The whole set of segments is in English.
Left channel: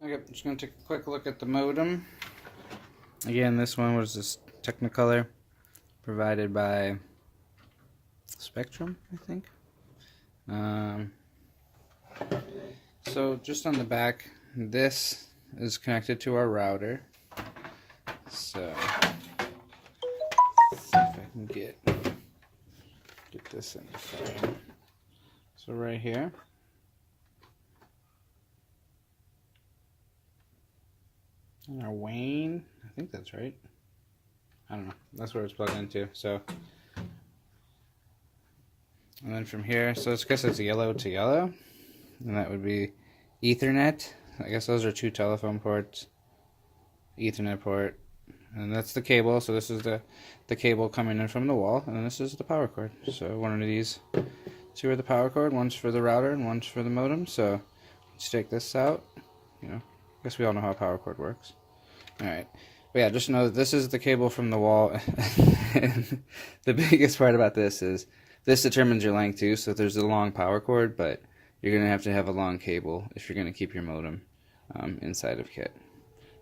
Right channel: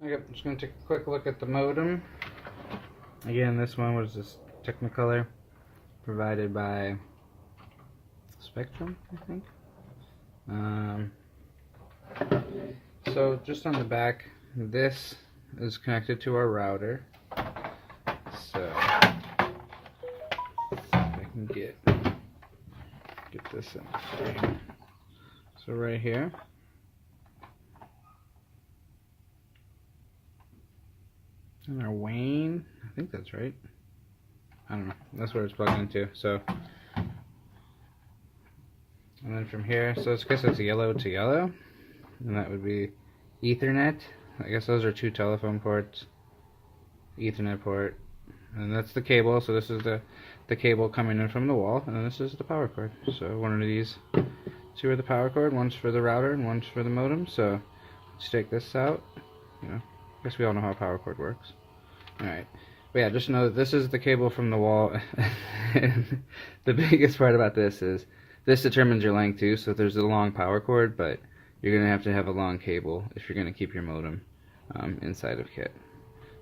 Okay, I'm just going to take a quick look at the modem. Again, this one was this Technicolor provided by Spectrum, I think. So just on the back, this is connected to our router. So if I can get this in the frame. So right here. And our Wayne, I think that's right. I don't know. That's where it's plugged into. So, and then from here, so it's, I guess it's yellow to yellow, and that would be Ethernet. I guess those are two telephone ports, Ethernet port, and that's the cable. So this is the cable coming in from the wall, and this is the power cord. So one of these two are the power cord. One's for the router and one's for the modem. So let's take this out. You know, I guess we all know how a power cord works. Alright, but yeah, just know that this is the cable from the wall. And the biggest part about this is this determines your length too. So there's a long power cord, but you're going to have a long cable if you're going to keep your modem inside of kit.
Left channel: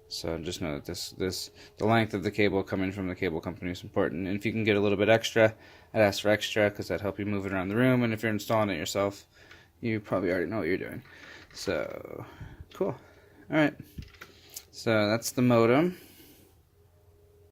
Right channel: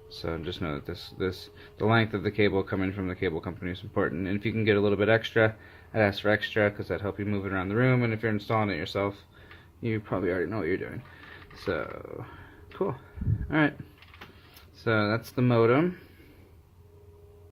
So just know that the length of the cable coming from the cable company is important. And if you can get a little bit extra, I'd ask for extra because that'd help you move it around the room. And if you're installing it yourself, you probably already know what you're doing. So, cool. Alright. So that's the modem.